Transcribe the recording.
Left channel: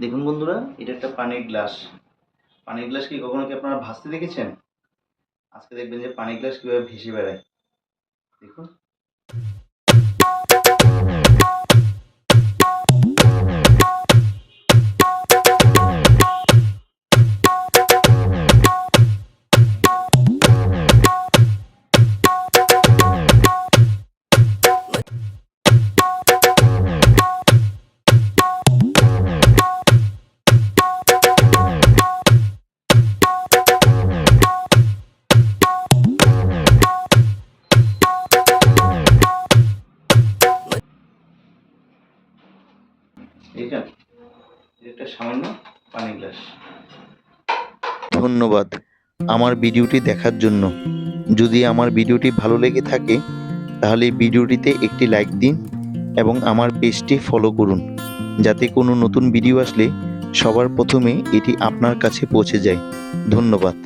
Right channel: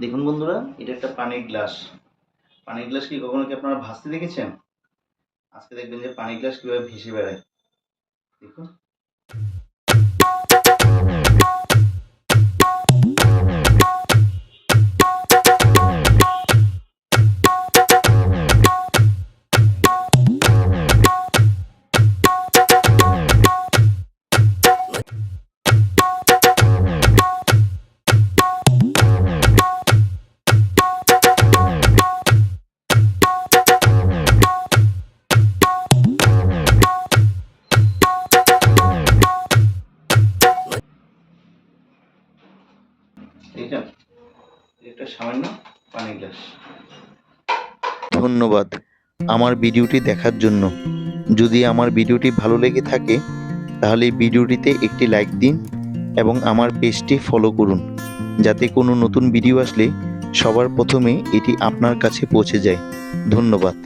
দেখুন বন্ধুরা, এটা একটা পানির গ্লাস। পানির গ্লাস কি কখনো কি আপনারা ভাসতে দেখেছেন? আজকে দেখবেন যে পানির গ্লাস কিভাবে ভেসে বেড়ায়। দেখুন। দেখেছেন? এটা একটা সামান্য পানির গ্লাস। ধন্যবাদ আমার ভিডিওটি দেখার জন্য। যদি আমার ভিডিওটি ভালো লেগে থাকে তাহলে ভিডিওটিতে একটি লাইক দিন এবং আমার পেজটি ফলো করুন, যাতে কোনো নতুন ভিডিও আসলে সবার প্রথমে এটি আপনার কাছে পৌঁছে যায়। ধন্যবাদ।